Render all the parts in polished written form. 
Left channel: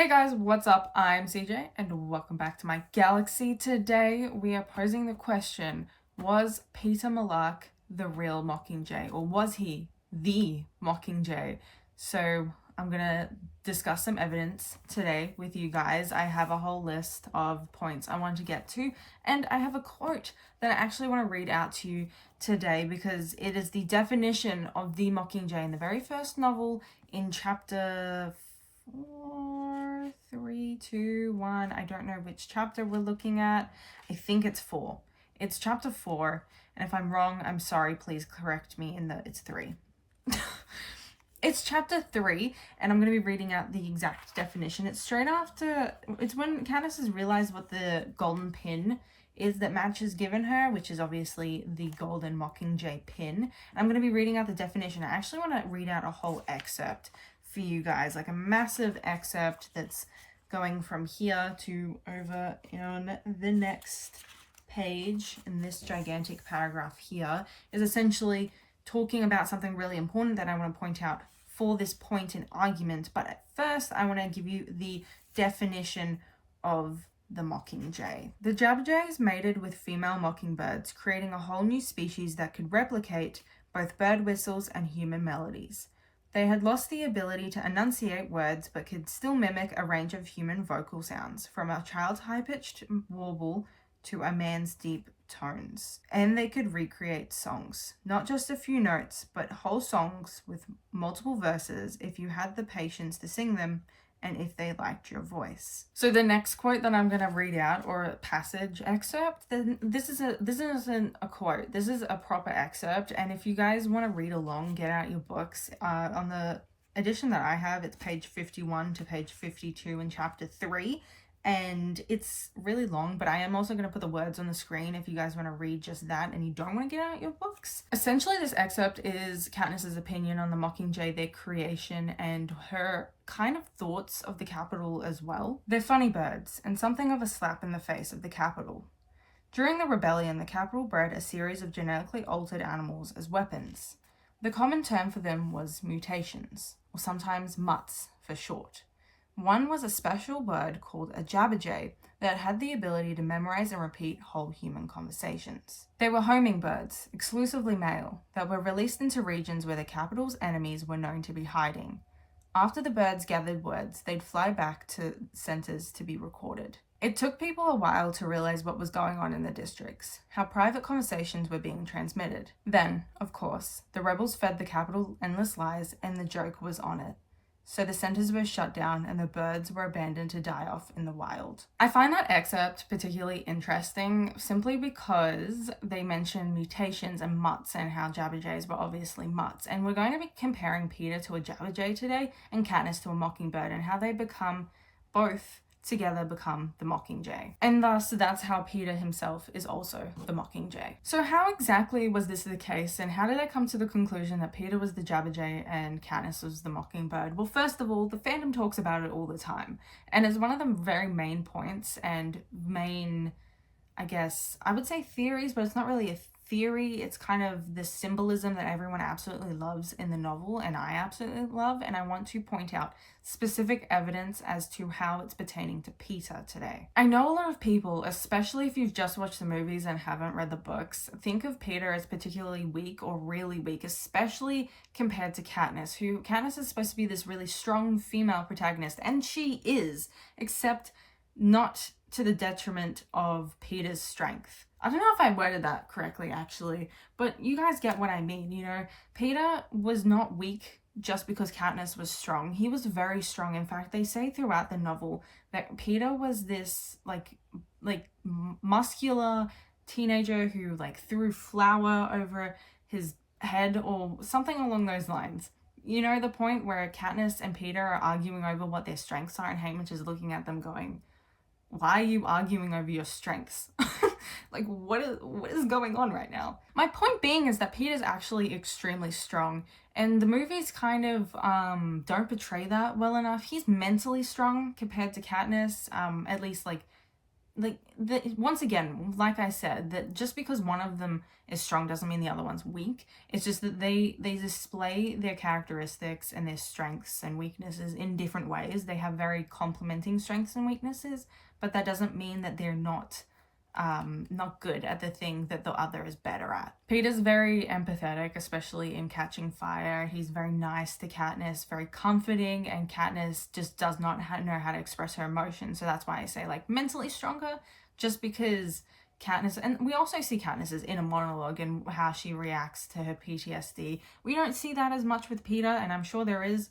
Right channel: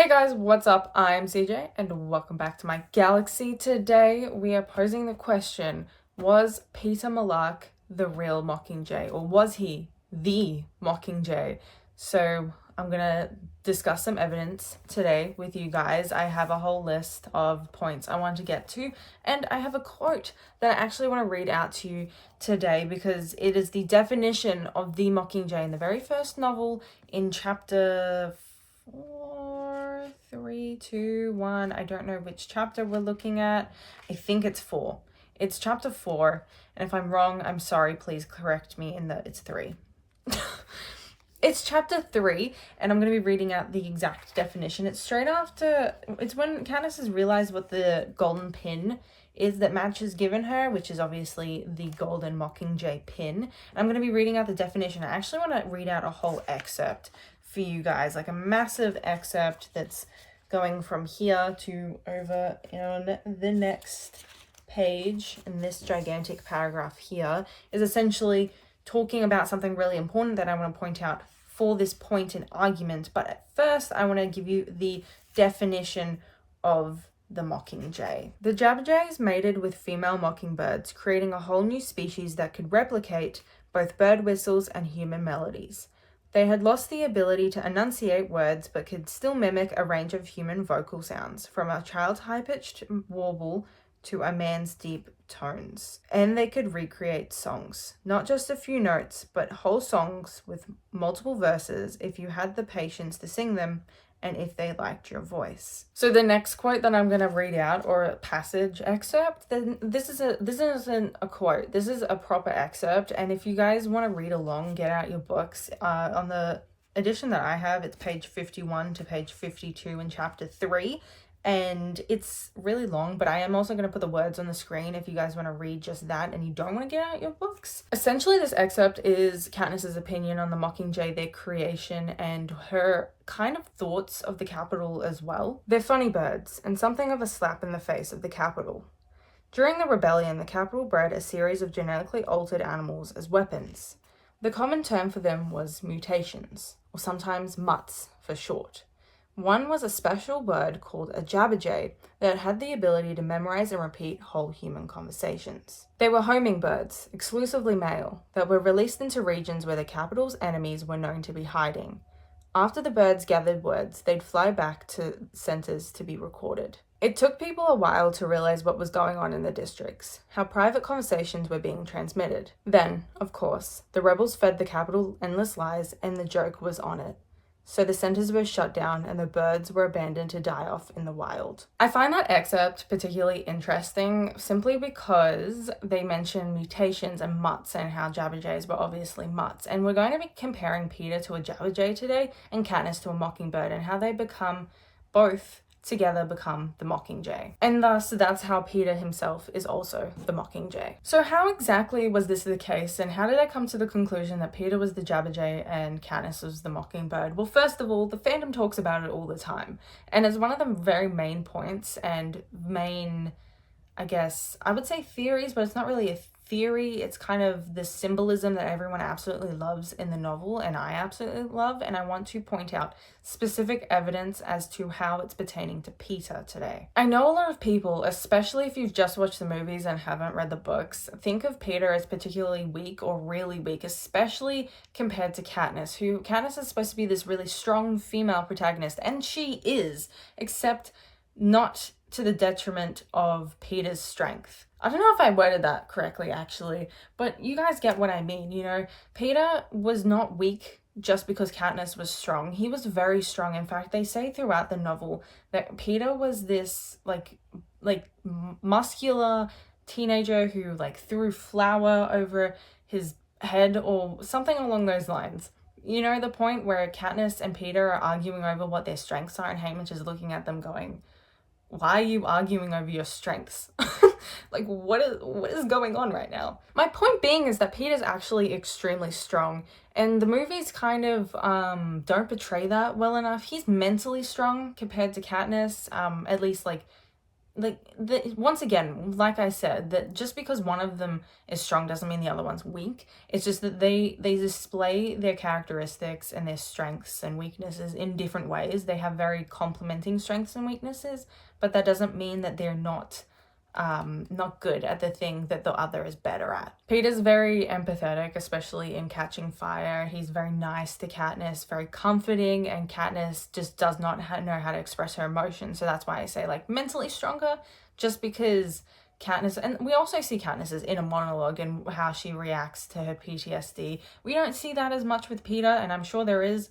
Hey guys, what's up? I'm CJ and welcome back to my galaxy. Today we are posing the question, was Peeta Malak the real Mockingjay, or was he the Mockingjay? So I'm gonna discuss some evidence today with you guys. I have a whole list of points I want to get to, and I have a quote that I actually want to read out to you today because it is the definition of the Mockingjay in the very first novel in chapter 4, 3, 2, 1. I don't know which chapter we're looking at. I think it's 4. It's chapter 4, and if I'm wrong, I'm sorry. Please correct me in that it's 3. It's chapter 3, and I'm going to be reading out the exact definition. It's straight after, it's when Candace has realized what the golden pin is that Madge has given her, which is obviously the golden Mockingjay pin. And I'm going to be reading out the definition. I actually want to read out a whole excerpt for you guys, like a massive excerpt that's going from here to over on the next page. And this gigantic paragraph here is essentially talking about something really important that I want to point out for this point in argument. But at first, I want to give you the definition of the Mockingjay. The Jabberjays mated with female mockingbirds, creating a whole new species that could replicate both bird whistles and human melodies. They had lost the ability to enunciate words but could still mimic a range of human vocal sounds, from a child's high-pitched warble to a man's deep tones. And they could recreate songs, not just a few notes, but whole songs with multiple verses if you had the patience to sing them and if they liked your voice. So the next quote that I'm going to read out, or a passage excerpt, then this isn't a quote, this is a proper excerpt. And if you guys want to read along, get out your books. On the edition that I have, it's page 51 to page 52 in chapter 3. And it's really long, but I am also going to put the words on the screen if you guys want to read just that and you don't want to get out your books. Essentially, this excerpt is Katniss's opinion on the Mockingjay, their creation, and her kind of thoughts of the capital as well. They're funny birds, and something of a slap in the face of the capital. During the rebellion, the capital bred a series of genetically altered animals as weapons. The common term for them was mutations, or sometimes mutts for short. One was a special bird called a jabberjay that had the ability to memorize and repeat whole human conversations. They were homing birds, exclusively male, that were released into regions where the capital's enemies were known to be hiding. After the birds gathered words, they'd fly back to centers to be recorded. It took people a while to realize what was going on in the districts, how private conversations were being transmitted. Then, of course, the rebels fed the capital endless lies, and the joke was on it. So the centers were shut down and the birds were abandoned to die off in the wild. I find that excerpt particularly interesting simply because they mention mutations and mutts and how jabberjays were obviously mutts. And we're going to be comparing Peeta to a jabberjay today and Katniss to a mockingbird, and how they become both together become the Mockingjay. And thus, that's how Peeta himself is also the Mockingjay. So how exactly was this the case, and how did I come to the conclusion that Peeta was the Jabberjay and Katniss was the Mockingbird? Well, first of all, the fandom talks about it all the time, and it's one of the very main points and main, I guess, I would say theories, but it's not really a theory. It's kind of the symbolism that everyone absolutely loves in the novel, and I absolutely love, and I want to point out specific evidence as to how it's pertaining to Peeta today. I know a lot of people, especially if you've just watched the movies and haven't read the books, think of Peeta as particularly weak or really weak, especially compared to Katniss, who Katniss is supposed to be this really strong female protagonist, and she is, except not to the detriment of Peeta's strength. I don't know if I worded that correctly, actually, but you guys get what I mean, you know? Peeta was not weak just because Katniss was strong. He was very strong. In fact, they say throughout the novel that Peeta was this, like muscular teenager who, threw flour over his head or something along those lines. You know, the point where Katniss and Peeta are arguing over what their strengths are, and Haymitch is looking at them going, why are you arguing over your strengths? What is going on right now? My point being is that Peeta's actually extremely strong, and the movies kind of don't portray that well enough. He's mentally strong compared to Katniss, at least once again, like I said, that just because one of them is strong doesn't mean the other one's weak. It's just that they display their characteristics and their strengths and weaknesses in different ways. They have very complementing strengths and weaknesses, but that doesn't mean that they're not good at the thing that the other is better at. Peeta's very empathetic, especially in Catching Fire. He's very nice to Katniss, very comforting, and Katniss just does not know how to express her emotions. So that's why I say like mentally stronger, just because Katniss, and we also see Katniss's inner monologue and how she reacts to her PTSD. We don't see that as much with Peeta, and I'm sure there is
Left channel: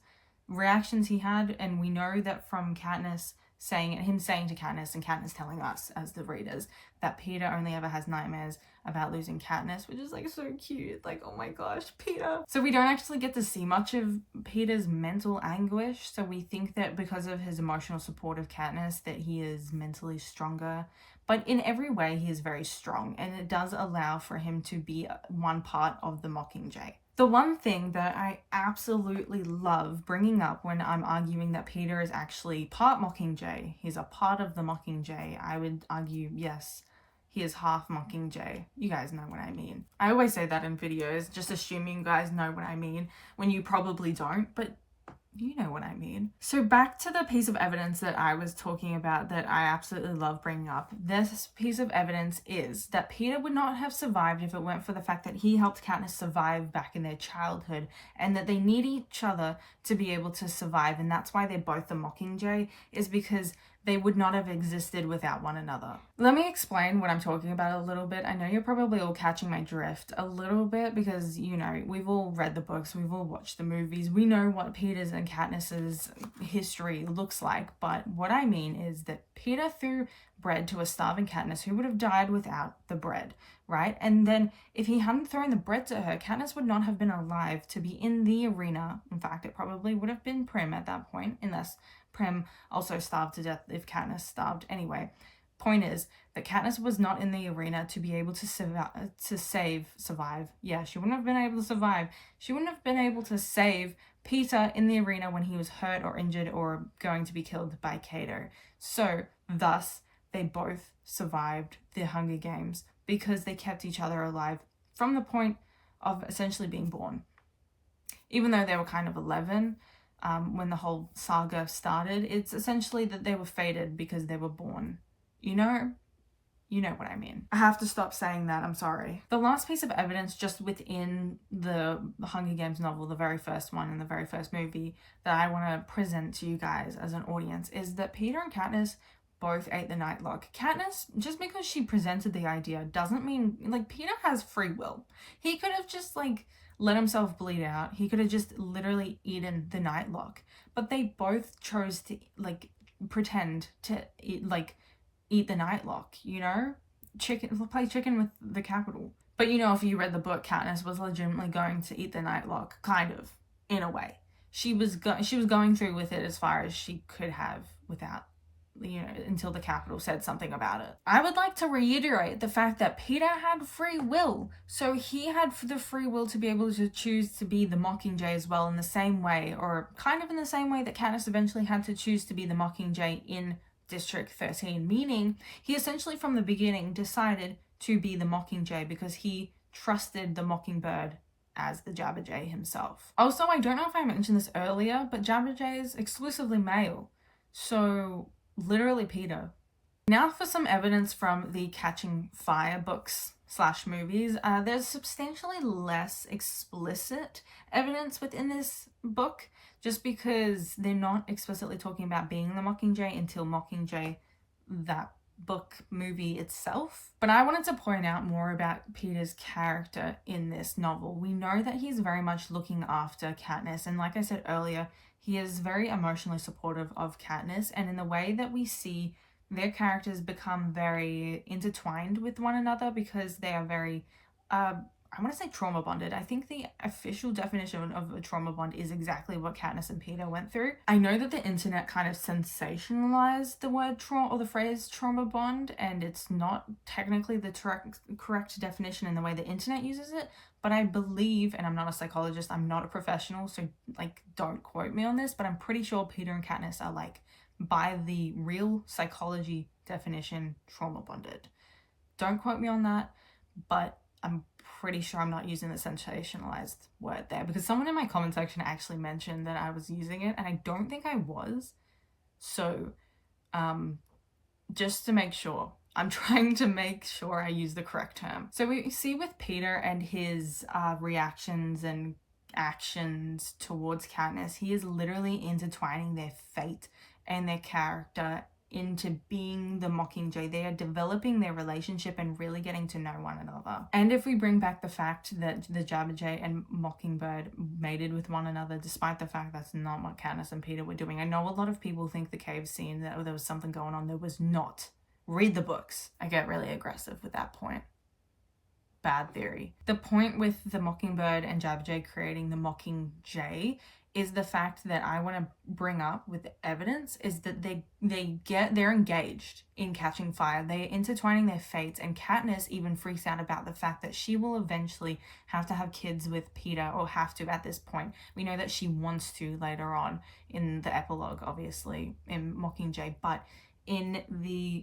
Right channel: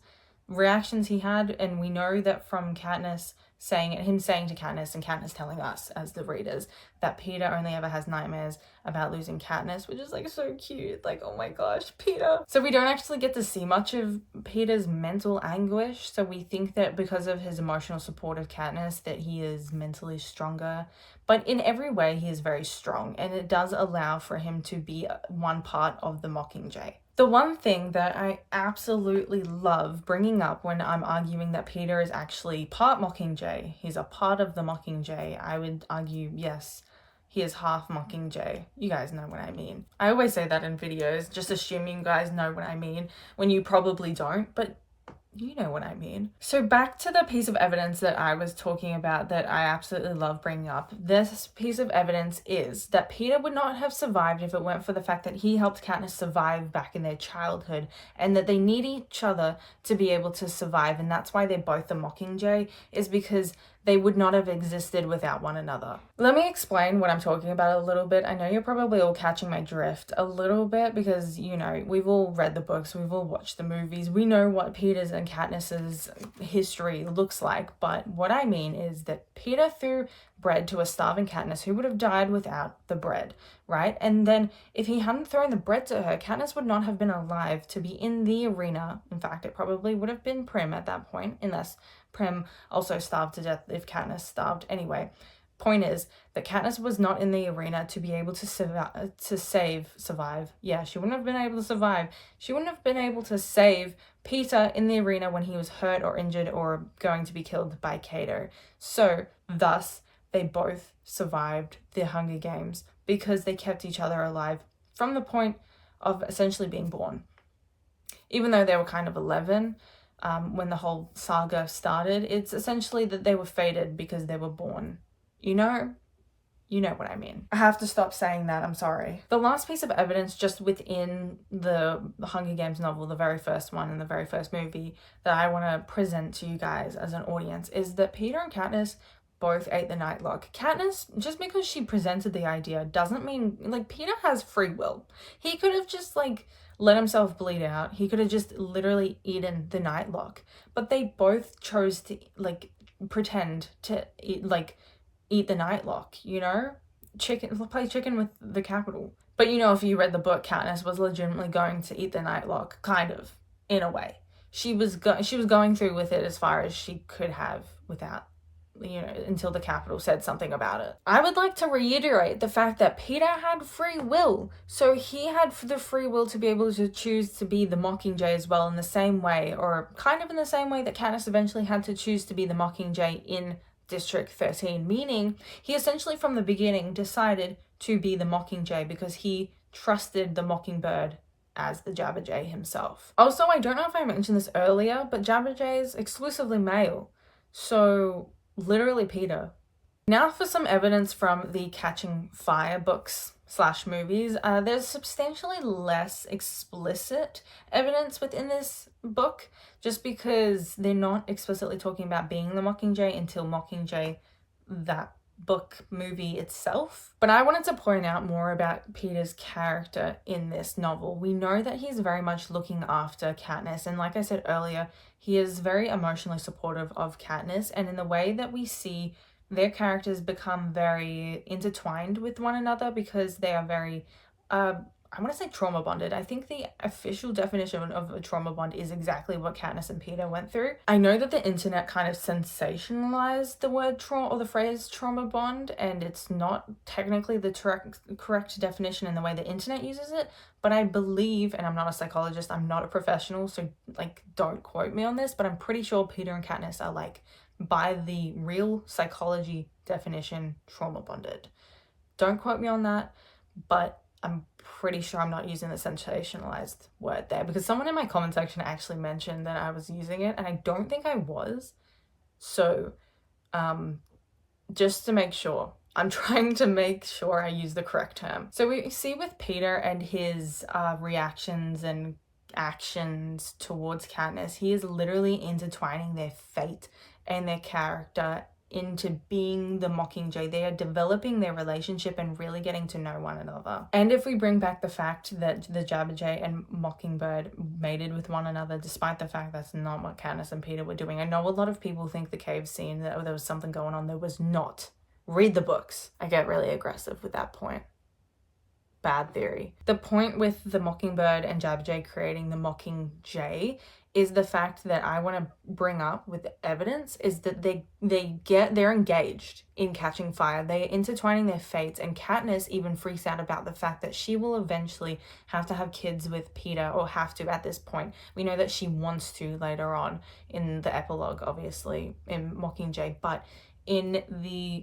reactions he had, and we know that from Katniss him saying to Katniss and Katniss telling us as the readers that Peeta only ever has nightmares about losing Katniss, which is like so cute. Like, oh my gosh, Peeta. So we don't actually get to see much of Peeta's mental anguish. So we think that because of his emotional support of Katniss that he is mentally stronger. But in every way, he is very strong, and it does allow for him to be one part of the Mockingjay. The one thing that I absolutely love bringing up when I'm arguing that Peeta is actually part Mockingjay, he's a part of the Mockingjay, I would argue, yes, he is half Mockingjay. You guys know what I mean. I always say that in videos, just assuming you guys know what I mean, when you probably don't, but you know what I mean. So back to the piece of evidence that I was talking about that I absolutely love bringing up. This piece of evidence is that Peeta would not have survived if it weren't for the fact that he helped Katniss survive back in their childhood, and that they need each other to be able to survive, and that's why they're both the Mockingjay, is because they would not have existed without one another. Let me explain what I'm talking about a little bit. I know you're probably all catching my drift a little bit because, you know, we've all read the books, we've all watched the movies, we know what Peeta's and Katniss's history looks like, but what I mean is that Peeta threw bread to a starving Katniss who would have died without the bread, right? And then if he hadn't thrown the bread to her, Katniss would not have been alive to be in the arena. In fact, it probably would have been Prim at that point, unless Prim also starved to death if Katniss starved. Anyway, point is that Katniss was not in the arena to be able to survive. Yeah, she wouldn't have been able to survive. She wouldn't have been able to save Peeta in the arena when he was hurt or injured or going to be killed by Cato. So, thus, they both survived the Hunger Games because they kept each other alive from the point of essentially being born. Even though they were kind of 11, when the whole saga started, it's essentially that they were fated because they were born. You know what I mean. I have to stop saying that, I'm sorry. The last piece of evidence just within the Hunger Games novel, the very first one in the very first movie, that I want to present to you guys as an audience is that Peeta and Katniss both ate the Nightlock. Katniss, just because she presented the idea doesn't mean, like, Peeta has free will. He could have just, like, let himself bleed out. He could have just literally eaten the Nightlock. But they both chose to, like, pretend to eat the Nightlock, you know? Play chicken with the capital. But, you know, if you read the book, Katniss was legitimately going to eat the Nightlock, kind of, in a way. She was going through with it as far as she could have without, you know, until the Capitol said something about it. I would like to reiterate the fact that Peeta had free will. So he had the free will to be able to choose to be the Mockingjay as well, in the same way, or kind of in the same way that Katniss eventually had to choose to be the Mockingjay in District 13, meaning he essentially from the beginning decided to be the Mockingjay because he trusted the Mockingbird as the Jabberjay himself. Also, I don't know if I mentioned this earlier, but Jabberjay is exclusively male. So literally Peeta. Now for some evidence from the Catching Fire books / movies. There's substantially less explicit evidence within this book, just because they're not explicitly talking about being the Mockingjay until Mockingjay, that book movie itself. But I wanted to point out more about Peeta's character in this novel. We know that he's very much looking after Katniss, and like I said earlier, he is very emotionally supportive of Katniss, and in the way that we see their characters become very intertwined with one another because they are very, I want to say trauma bonded. I think the official definition of a trauma bond is exactly what Katniss and Peeta went through. I know that the internet kind of sensationalized the word trauma or the phrase trauma bond, and it's not technically the correct definition in the way the internet uses it, but I believe, and I'm not a psychologist, I'm not a professional, so like don't quote me on this, but I'm pretty sure Peeta and Katniss are like, by the real psychology definition, trauma bonded. Don't quote me on that, but I'm pretty sure I'm not using the sensationalized word there, because someone in my comment section actually mentioned that I was using it, and I don't think I was. So just to make sure, I'm trying to make sure I use the correct term. So we see with Peter and his reactions and actions towards Katniss, he is literally intertwining their fate and their character into being the Mockingjay. They are developing their relationship and really getting to know one another. And if we bring back the fact that the Jabberjay and Mockingbird mated with one another, despite the fact that's not what Katniss and Peeta were doing. I know a lot of people think the cave scene, that there was something going on. There was not. Read the books. I get really aggressive with that point. Bad theory. The point with the Mockingbird and Jabberjay creating the Mockingjay is the fact that I want to bring up with the evidence is that they're engaged in catching fire. They are intertwining their fates, and Katniss even freaks out about the fact that she will eventually have to have kids with Peeta, or have to at this point. We know that she wants to later on in the epilogue, obviously, in Mockingjay, but in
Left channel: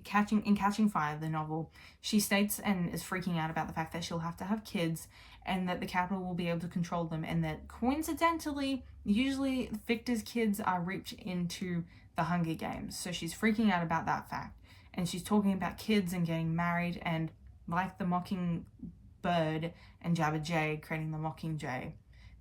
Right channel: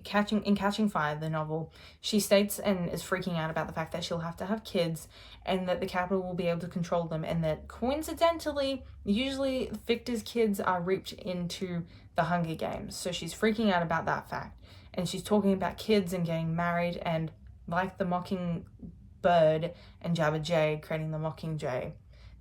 Catching Fire, the novel, she states and is freaking out about the fact that she'll have to have kids, and that the Capitol will be able to control them, and that coincidentally, usually Victor's kids are reaped into the Hunger Games. So she's freaking out about that fact, and she's talking about kids and getting married, and like the Mockingbird and Jabberjay creating the Mockingjay,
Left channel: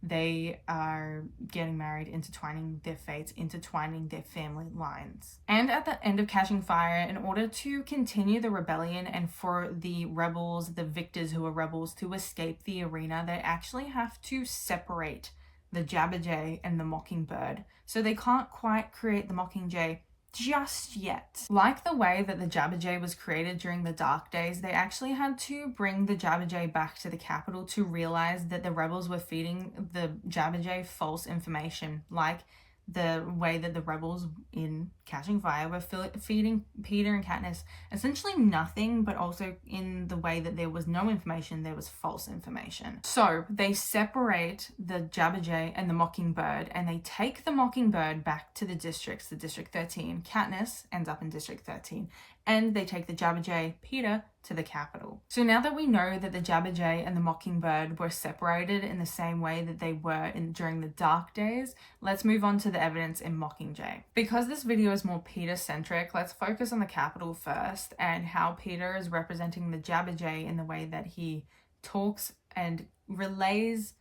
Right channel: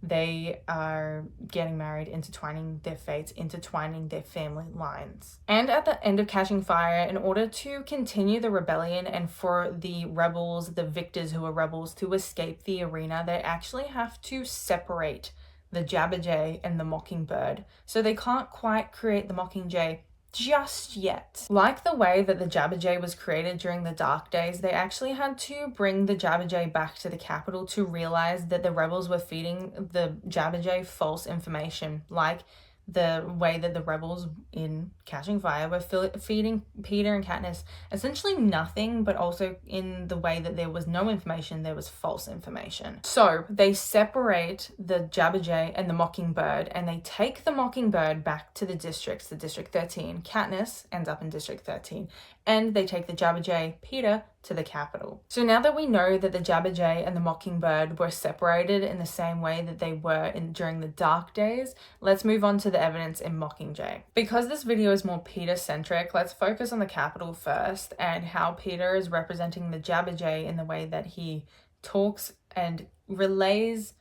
they are getting married, intertwining their fates, intertwining their family lines. And at the end of Catching Fire, in order to continue the rebellion and for the rebels, the victors who are rebels, to escape the arena, they actually have to separate the Jabberjay and the Mockingbird. So they can't quite create the Mockingjay just yet. Like the way that the Jabberjay was created during the Dark Days, they actually had to bring the Jabberjay back to the capital to realize that the rebels were feeding the Jabberjay false information, like the way that the rebels in Catching Fire were feeding Peter and Katniss essentially nothing, but also in the way that there was no information, there was false information. So they separate the Jabberjay and the Mockingbird, and they take the Mockingbird back to the districts, the District 13. Katniss ends up in District 13, and they take the Jabberjay, Peeta, to the capital. So now that we know that the Jabberjay and the Mockingbird were separated in the same way that they were during the Dark Days, let's move on to the evidence in Mockingjay. Because this video is more Peeta-centric, let's focus on the capital first, and how Peter is representing the Jabberjay in the way that he talks and relays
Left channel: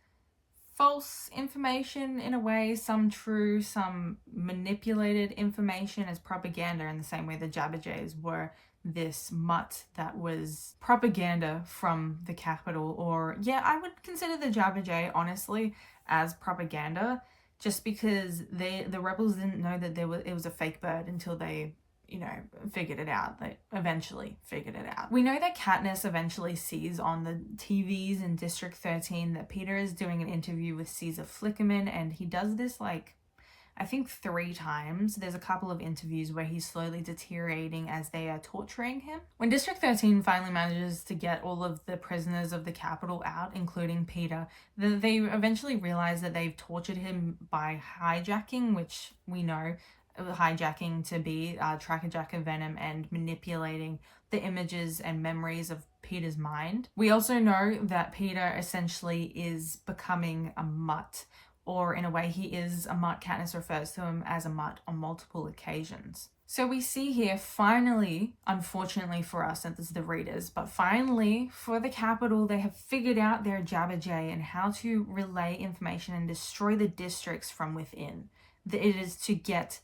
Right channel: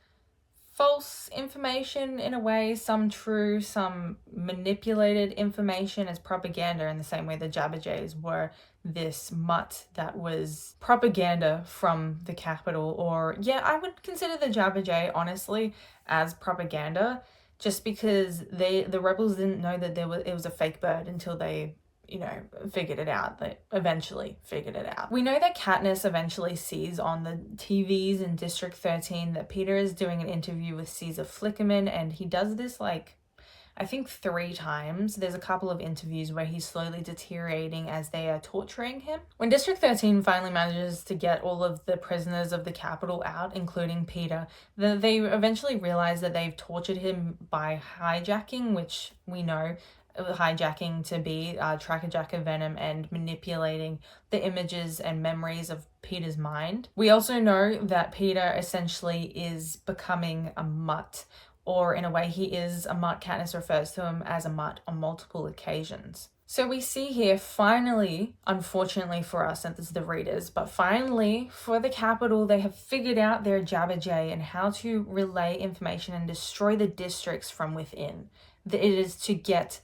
false information in a way, some true, some manipulated information as propaganda, in the same way the Jabberjays were this mutt that was propaganda from the capital. Or yeah, I would consider the Jabberjay honestly as propaganda, just because the rebels didn't know that it was a fake bird until they figured it out. They eventually figured it out. We know that Katniss eventually sees on the TVs in District 13 that Peter is doing an interview with Caesar Flickerman, and he does this I think 3 times. There's a couple of interviews where he's slowly deteriorating as they are torturing him. When District 13 finally manages to get all of the prisoners of the capital out, including Peter, they eventually realize that they've tortured him by hijacking, which we know hijacking to be Tracker Jacker Venom, and manipulating the images and memories of Peter's mind. We also know that Peter essentially is becoming a mutt, or in a way he is a mutt. Katniss refers to him as a mutt on multiple occasions. So we see here, finally, unfortunately for us as the readers, but finally for the capital, they have figured out their Jabberjay and how to relay information and destroy the districts from within. It is to get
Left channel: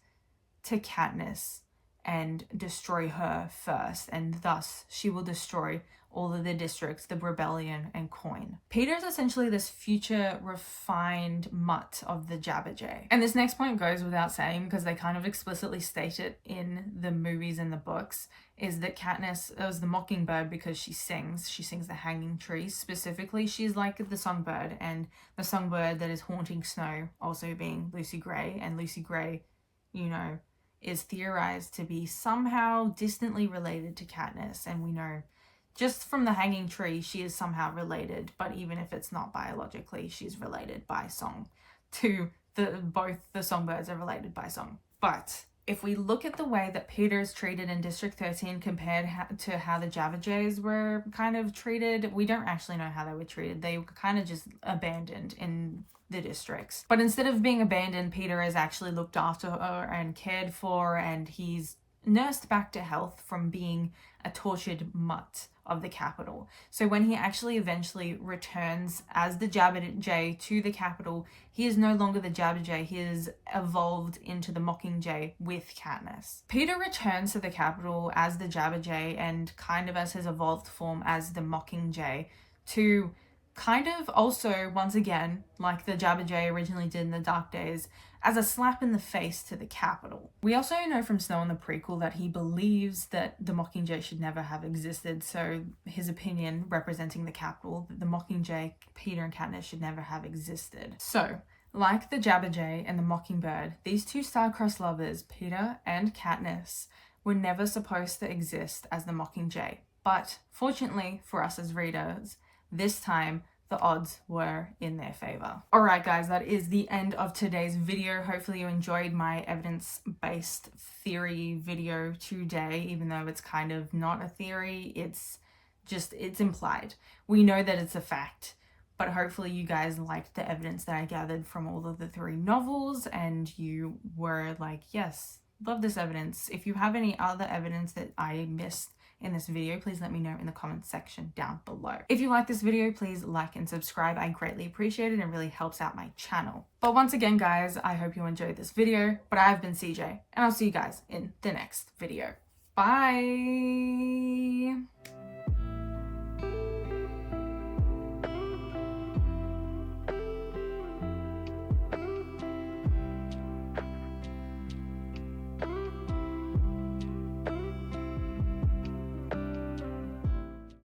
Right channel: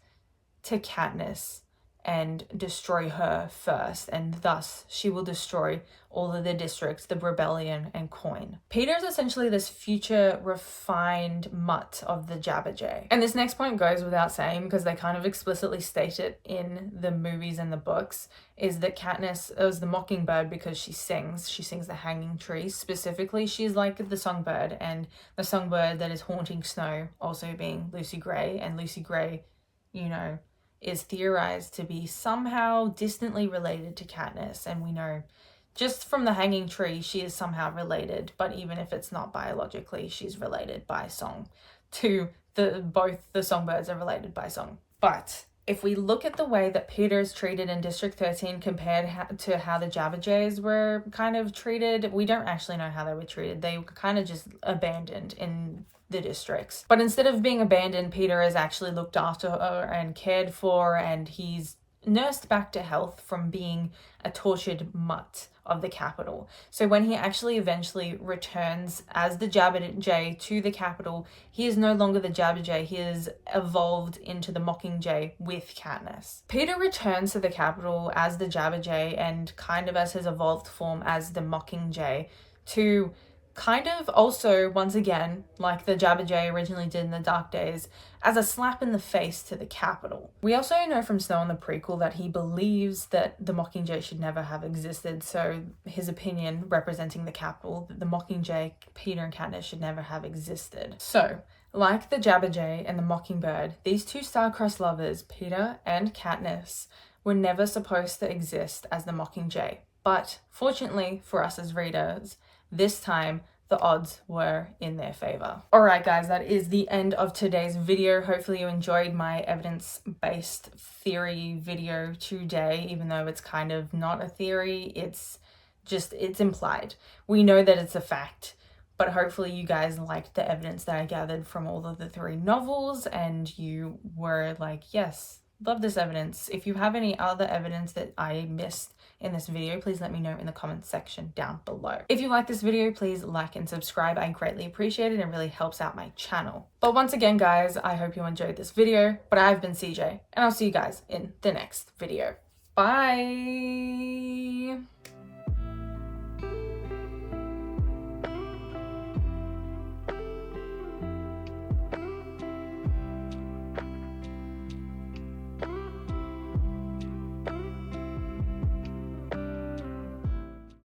to Katniss and destroy her first, and thus she will destroy all of the districts, the rebellion, and coin. Peter is essentially this future refined mutt of the Jabberjay. And this next point goes without saying, because they kind of explicitly state it in the movies and the books, is that Katniss is the mockingbird because she sings the hanging tree. Specifically, she's like the songbird, and the songbird that is haunting Snow also being Lucy Gray, and Lucy Gray, is theorized to be somehow distantly related to Katniss, and we know just from the hanging tree she is somehow related, but even if it's not biologically, she's related by song to both the songbirds are related by song. But If we look at the way that Peeta is treated in District 13 compared to how the Jabberjays were kind of treated, we don't actually know how they were treated. They were kind of just abandoned in the districts. But instead of being abandoned, Peeta is actually looked after and cared for, and he's nursed back to health from being a tortured mutt of the capital. So when he actually eventually returns as the Jabberjay to the capital, he is no longer the Jabberjay. He is evolved into the Mockingjay with Katniss. Peeta returns to the capital as the Jabberjay and kind of as his evolved form as the Mockingjay to kind of also, once again, like the Jabberjay originally did in the Dark Days, as a slap in the face to the capital. We also know from Snow in the prequel that he believes that the Mockingjay should never have existed, so his opinion representing the capital, that the Mockingjay, Peeta and Katniss should never have existed. So, like the Jabberjay and the Mockingbird, these two star-crossed lovers, Peeta and Katniss, were never supposed to exist as the Mockingjay. But fortunately for us as readers, this time the odds were in their favor. Alright guys, that is the end of today's video. Hopefully you enjoyed my evidence-based theory video today, even though it's kind of not a theory, it's implied. We know that it's a fact, but hopefully you guys liked the evidence that I gathered from all of the 3 novels and you were like, yes, love this evidence. If you have any other evidence that I missed in this video, please let me know in the comments section down below. If you like this video, please like and subscribe. I greatly appreciate it and really helps out my channel. But once again, guys, I hope you enjoyed this video, but I've been CJ and I'll see you guys in the next video. Bye.